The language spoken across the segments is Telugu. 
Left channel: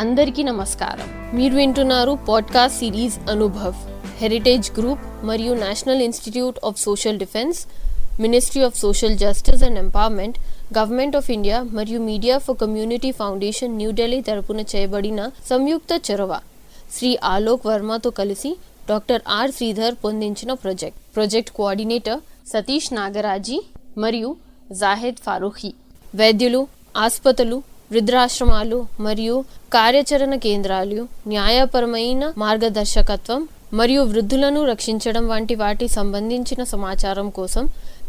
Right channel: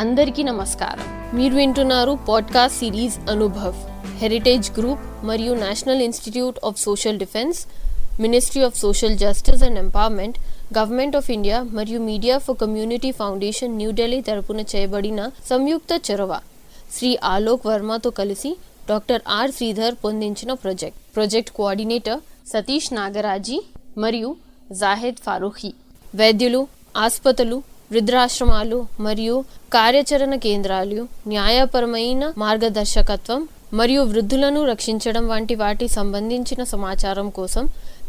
అందరికీ నమస్కారం. మీరు వింటున్నారు podcast series Anubhav, heritage group మరియు national institute of social defence, ministry of social justice and empowerment, government of India మరియు media for community foundation New Delhi తరపున చేయబడిన సంయుక్త చొరవ శ్రీ ఆలోక్ వర్మతో కలిసి డాక్టర్ ఆర్ శ్రీధర్ పొందించిన ప్రాజెక్ట్ కోఆర్డినేటర్ సతీష్ నాగరాజీ మరియు జాహిద్ ఫారూఖీ. వైద్యులు, ఆసుపత్రులు, వృద్ధాశ్రమాలు మరియు కార్యాచరణ కేంద్రాలు న్యాయపరమైన మార్గదర్శకత్వం మరియు వృద్ధులను రక్షించడం వంటి వాటి సంబంధించిన సమాచారం కోసం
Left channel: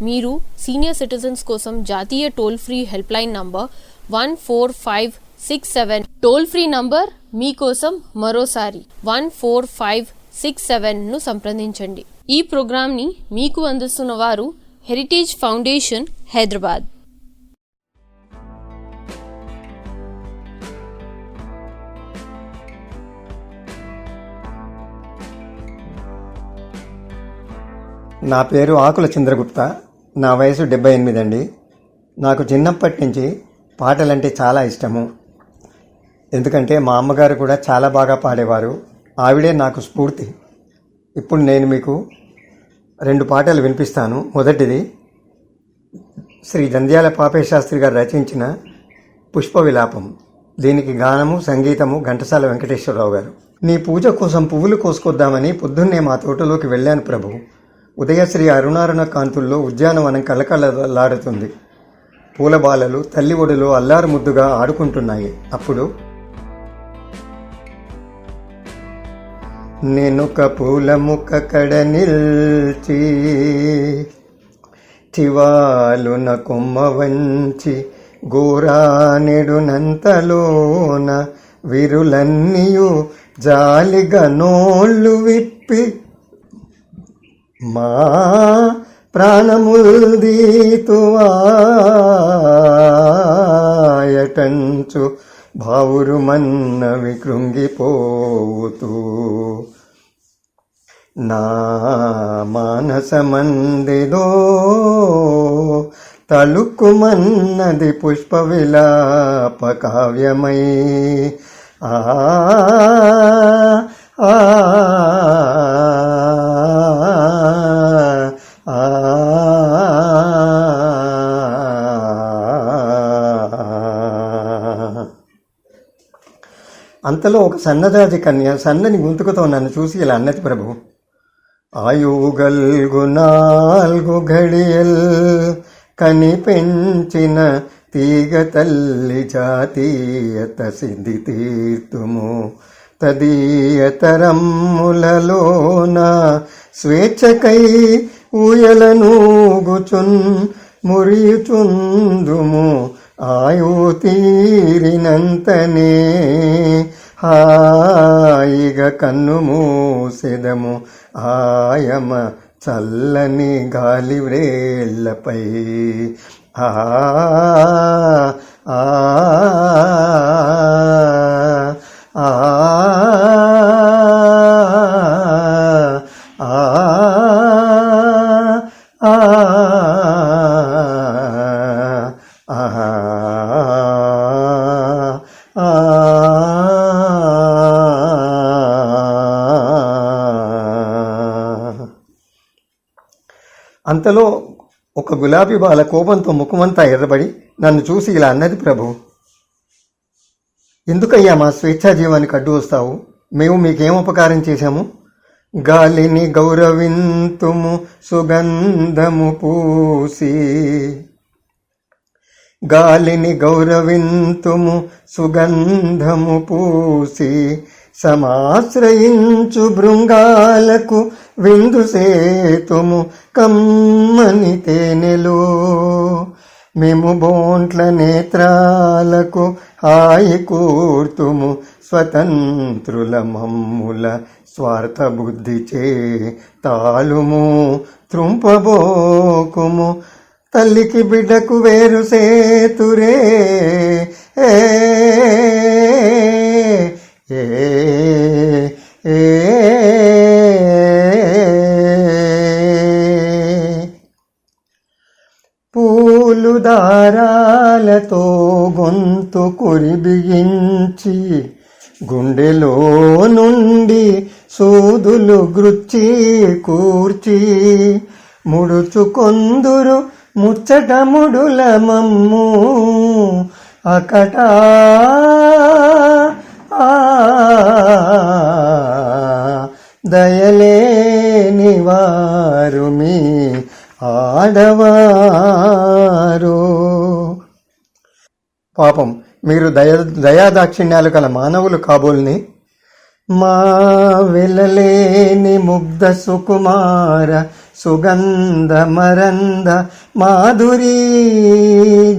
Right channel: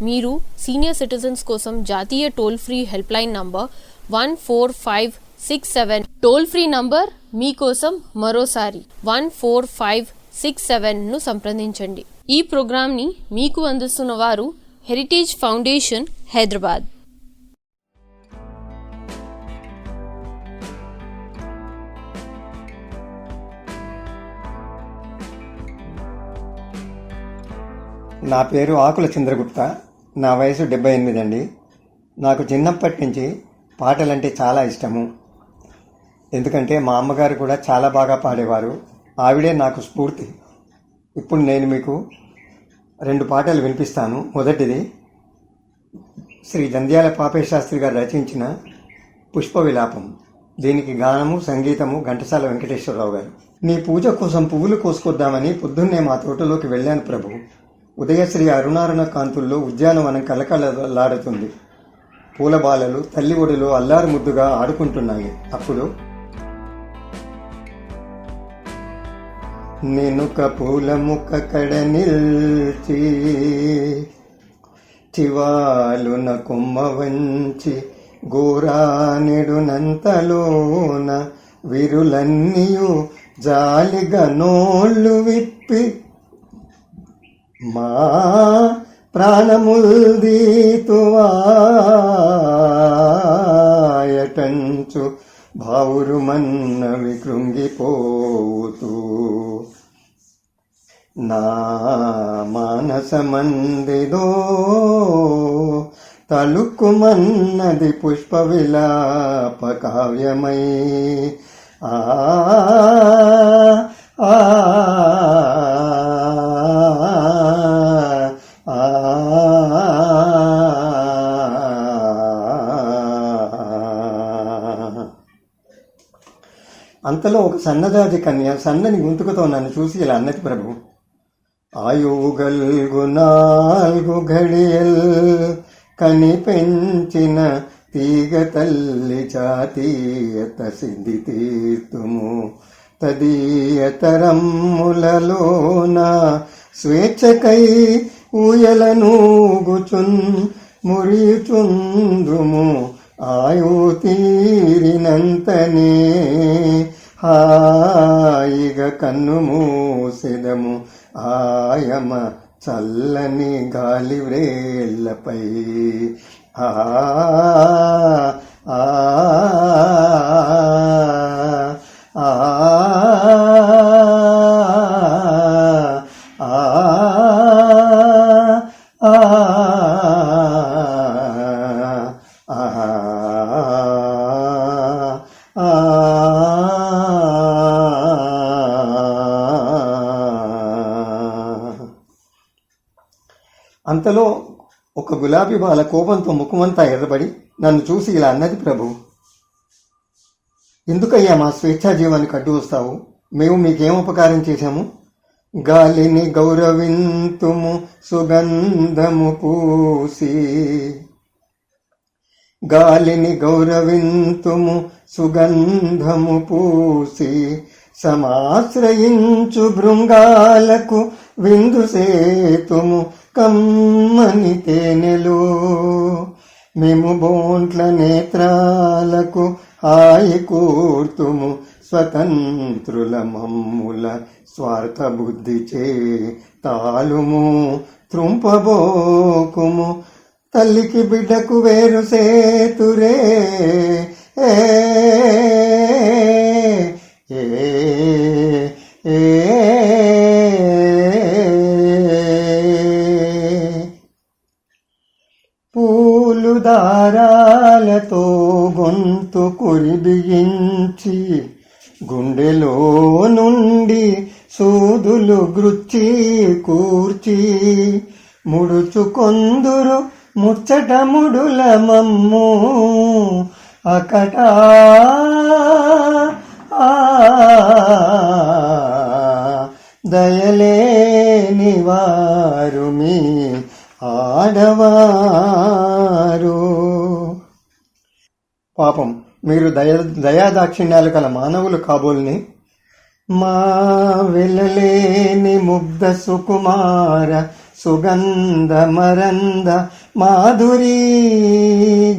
మీరు సీనియర్ సిటిజన్స్ కోసం జాతీయ toll free helpline number 14567 toll free number మీకోసం మరోసారి 14567ను సంప్రదించండి. ఈ ప్రోగ్రాంని మీకు అందిస్తున్న వారు హెరిటేజ్ ఫౌండేషన్, హైదరాబాద్. నా పేరు ఆకుల చంద్రగుప్త. నా వయసు 78 అండి. నాకు చిన్నప్పటి నుంచి పాటలంటే చాలా ఇష్టము. ఎందుకంటే మా అమ్మగారు కూడా చాలా బాగా పాడేవారు. ఆవిడే నాకు స్ఫూర్తి. ఇప్పుడు నేను మీకు 2 పాటలు వినిపిస్తాను. మొదటిది శ్రీ జంధ్యాల పాపయ్య శాస్త్రి గారు రచించిన పుష్ప విలాపం. దీనికి గానము, సంగీతము ఘంటసాల వెంకటేశ్వరరావు గారు. నీ పూజ కోసం పువ్వులు కోసుకొద్దామని పొద్దున్నే మా తోటలోకి వెళ్ళాను ప్రభు. ఉదయశ్రీ అరుణారుణ కాంతుల్లో ఉద్యానవనం కలకలలాడుతుంది. పూల బాలలు తల్లి ఒడిలో అల్లారు ముద్దుగా ఆడుకుంటున్నాయి. అప్పుడు నేనొక పూల ముక్క కడ నిల్చి చివాలున కొమ్మ వంచి గోరానెడునంతలోన విరులన్నీయు జాలిగా నోళ్ళు విప్పి మా ప్రాణముల్దీతువాయటంచు భావురుమన్నవి కృంగిపోతూ నా మానసమందిదో తలుక్కుమన్నది పుష్ప విలాప కావ్యమై. ఆ అంతలో ఒక సన్నదాజి కన్య సన్నని గొంతుకుతో నన్ను చూసి ఇలా అన్నది ప్రభు. ఆయుగల్గు 4 ఘడియల్ కని పెంచిన తీగ తల్లి జాతీయత సిద్ధి తీర్తుము తదీయ తరమ్ములలోన స్వేచ్ఛకై ఊయలనూగుచున్ మురియుచుందుము ఆయు తీరినంతనే హాయిగా కన్ను మూసెదము ఆయమ చల్లని గాలి వ్రేళ్లపై. ఆ ఆ ఆ అంతలో ఒక గులాబీ బాల కోపంతో ముఖమంతా ఎర్రబడి నన్ను చూసి ఇలా అన్నది ప్రభు. ఎందుకయ్యా మా స్వేచ్ఛా జీవానికి అడ్డు వస్తావు? మేము మీకేం ఉపకారం చేశాము? గాలిని గౌరవింతుము సుగంధము పూసి, గాలిని గౌరవింతుము సుగంధము పూసి సమాశ్రయించు భృంగాలకు విందు సేతుము కమ్మని తేనెలో. మేము బోంట్ల నేత్రాలకు హాయి కూర్తుము స్వతంత్రుల మమ్ముల స్వార్థ బుద్ధిచే తాలుము త్రుంపబోకుము తల్లికి బిడ్డకు వేరు సేతురే. పూలు దారాలతో గొంతు కురి బిగించి గుండెలో నుండి సూదులు గృచ్చి కూర్చి ముడుచుకొందురు ముచ్చట ముడుల మమ్ము అకట దయలేని వారు మీ ఆడవారు. పాపం మీరు దయాదాక్షిణ్యాలు గల మానవులు కాబోల్ని. మా వెలలేని ముగ్ధ సుకుమార సుగంధ మరంద మాధురీ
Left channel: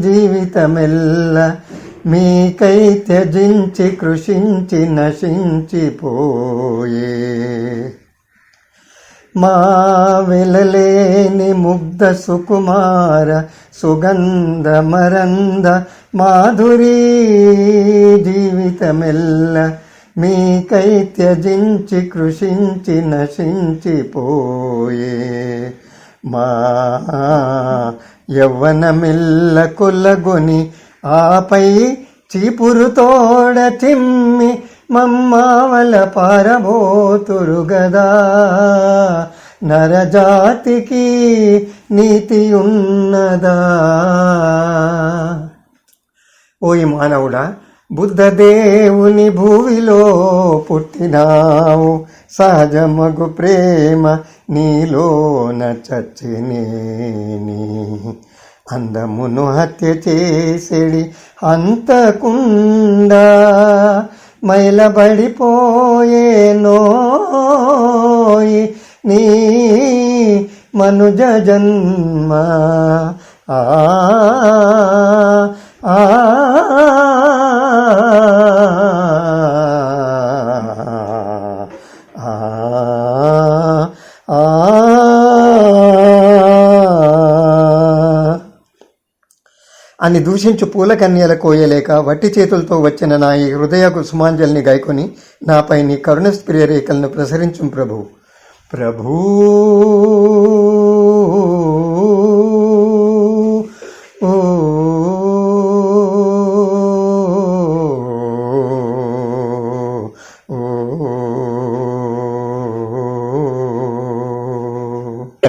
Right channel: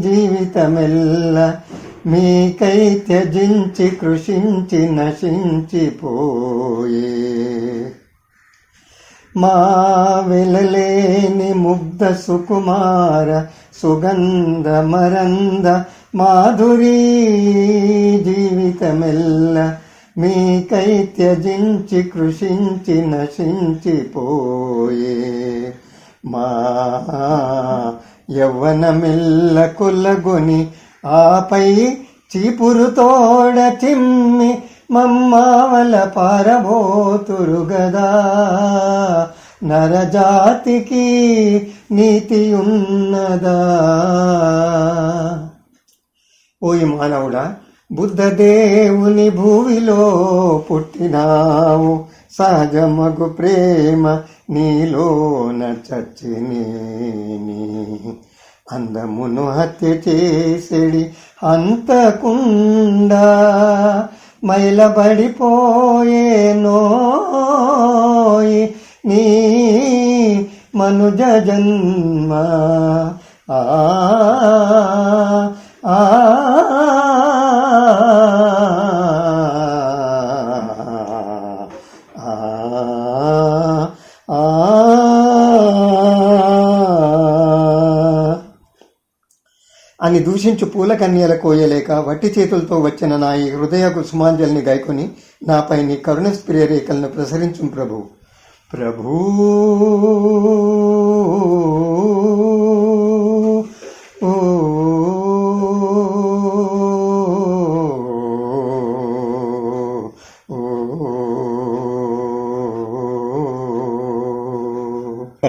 జీవితమెల్ల మీకై త్యజించి కృషించి నశించిపోయే. మా వెలలేని ముగ్ధ సుకుమార సుగంధ మరంద మాధురీ జీవితమెల్ల మీకై త్యజించి కృషించి నశించిపోయే. మా యవ్వనమిల్ల కొల్లగొని ఆపై చీపురు తోడ చిమ్మి మమ్మావల పారబోతురు గదా. నరజాతికి నీతి ఉన్నదా? ఓయి మానవుడా, బుద్ధదేవుని భూమిలో పుట్టినావు. సహజమగు ప్రేమ నీలోన చచ్చినేని అందమును హత్య చేసేడి అంతకుండా మైలబడిపోయే నోయి నీ మనుజ జన్మ. ఆ ఆ అని దూషించు పూల కన్యల కోయలేక వట్టి చేతులతో వచ్చిన నా ఈ హృదయ కుసుమాంజలిని గాయకొని నాపై నీ కరుణ ప్రియరేఖలను ప్రసరించు ప్రభు. ప్రభూ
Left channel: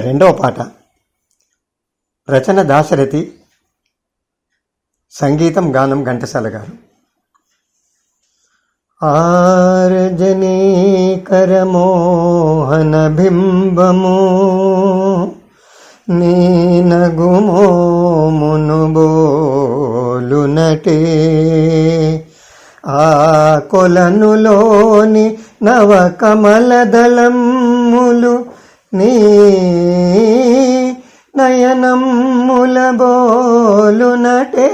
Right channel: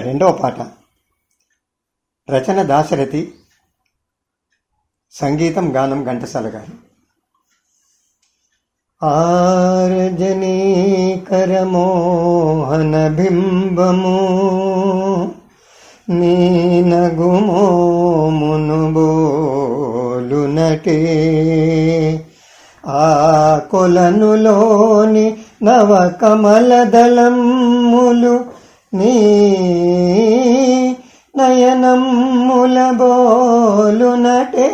రెండవ పాట. రచన దాశరథి, సంగీతం గానం ఘంటసాల గారు. ఆరజనీకర మోహన బింబము నీనగుమోమును బోలునటే. ఆ కొలనులోని నవ కమల దళములు నీ నయనముల బోలునటే.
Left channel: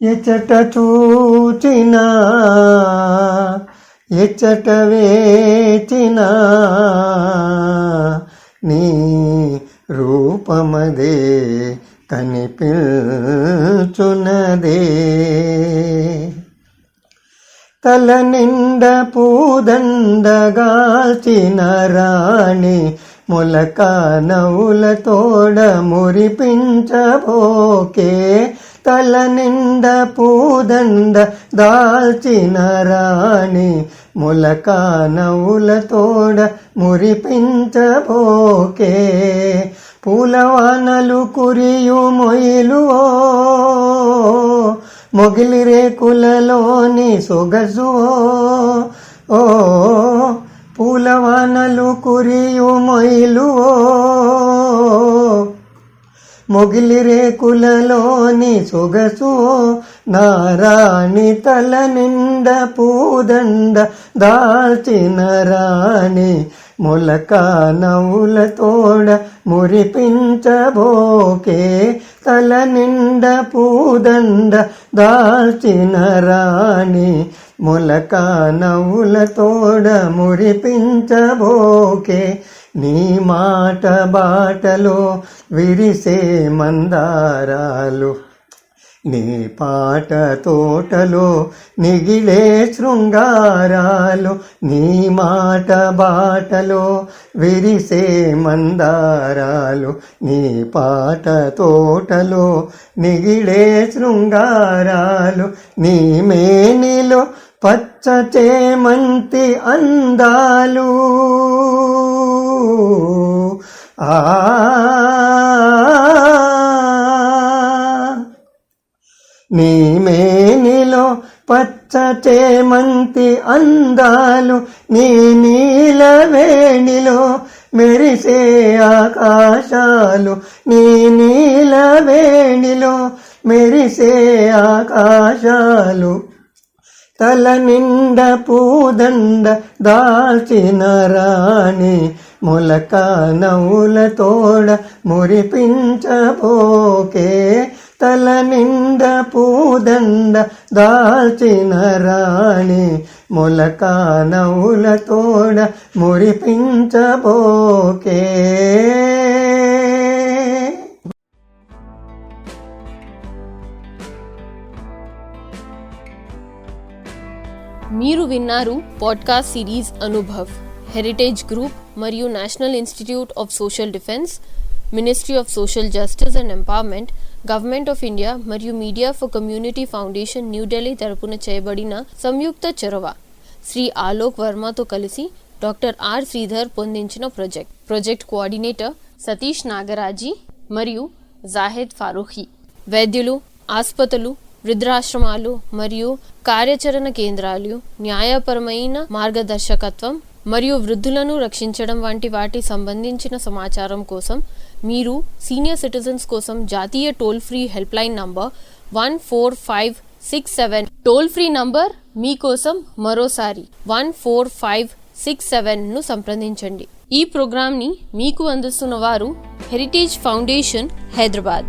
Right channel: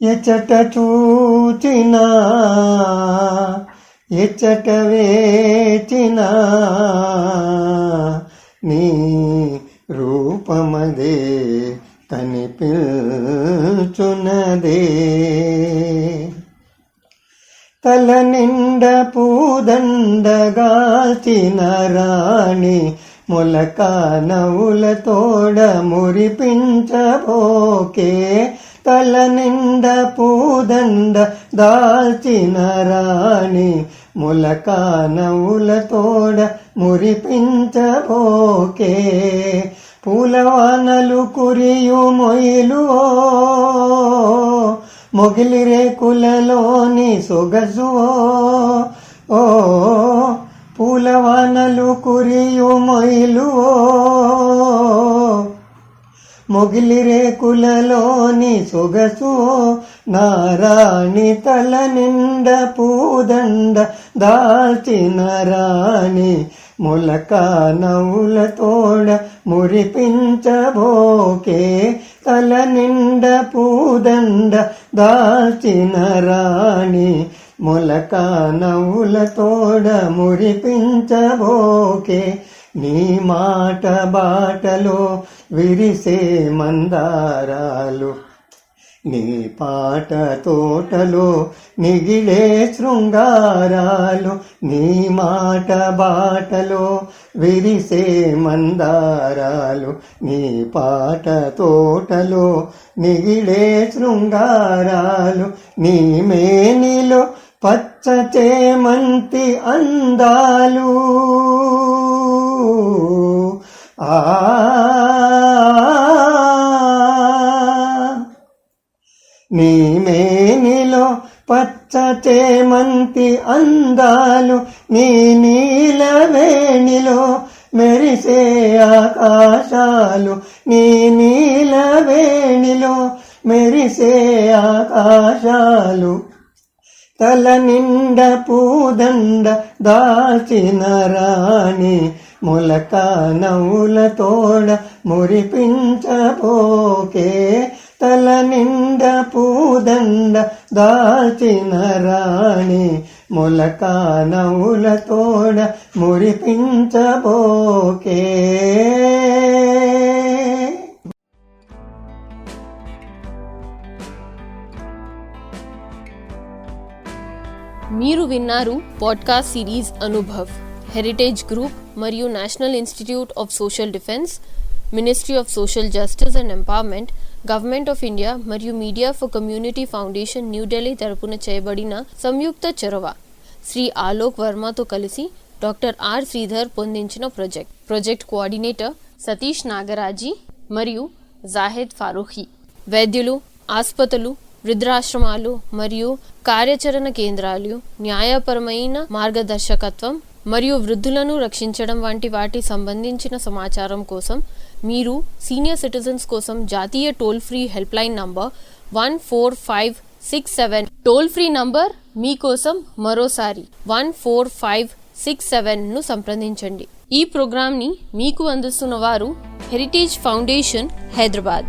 ఎచట చూచినా ఎచట వేచినా నీ రూపమదే కనిపించునదే. తల నిండ పూదండగాల్చిన రాణి మొలక నవ్వుల తోడ మురిపించబోకే. తల నిండ పూదండ దాల్చిన రాణి మొలక నవ్వుల తోడ మురిపించబోకే. పూలవానలు కురియు మొయిలు మొగిలి రేకులలోని సొగసు. ఓ పూలవానలు కురియు మొయిలు మొగిలి రేకులలోని సొగసు. నారాణి తల నిండ పూదండ దాల్చిన రాణి మొలక నవ్వుల తోడ మురిపించబోకే. తల నిండ పూదండ దాల్చిన రాణి మొలక నవ్వుల తోడ మురిపించబోకే. నీ మాట బాటలో విరిసే మందారాలు నీ పాట తోటలో నిగిలే శృంగారాలు, నీ మాట బాటలో విరిసే మందారాలు. నీ పాట తోటలో నిగిలే శృంగారాలు, నీ మేనిలో పచ్చ చేమంతి అందాలు. నీ మేనిలో పచ్చ చేమంతి అందాలు, నీ నీలవేణిలో మెరిసే ఆకాశాలు. నీ నీలవేణిలో మెరిసే ఆకాశాలు. తల నిండ పూదండ దాల్చిన రాణి, మొలక నవ్వుల తోడ మురిపించబోకే. తల నిండ పూదండ దాల్చిన రాణి, మొలక నవ్వుల తోడ మురిపించబోకే. మీరు విన్నారు podcast series Anubhav, heritage group మరియు national institute of social defence, ministry of social justice and empowerment, government of India మరియు media for community foundation New Delhi తరపున చేయబడిన సంయుక్త చొరవ. శ్రీ ఆలోక్ వర్మతో కలిసి డాక్టర్ ఆర్ శ్రీధర్ పొందించిన ప్రాజెక్ట్ కోఆర్డినేటర్ సతీష్ నాగరాజీ మరియు జాహెద్ ఫారూఖీ. వైద్యులు, ఆసుపత్రులు, వృద్ధాశ్రమాలు మరియు కార్యాచరణ కేంద్రాలు న్యాయపరమైన మార్గదర్శకత్వం మరియు వృద్ధులను రక్షించడం వంటి వాటి సంబంధించిన సమాచారం కోసం మీరు సీనియర్ సిటిజన్స్ కోసం జాతీయ toll free helpline number 14567 toll free number మీకోసం మరోసారి 14567ను సంప్రదించండి. ఈ ప్రోగ్రామ్ ని మీకు అందిస్తున్న వారు హెరిటేజ్ ఫౌండేషన్, హైదరాబాద్.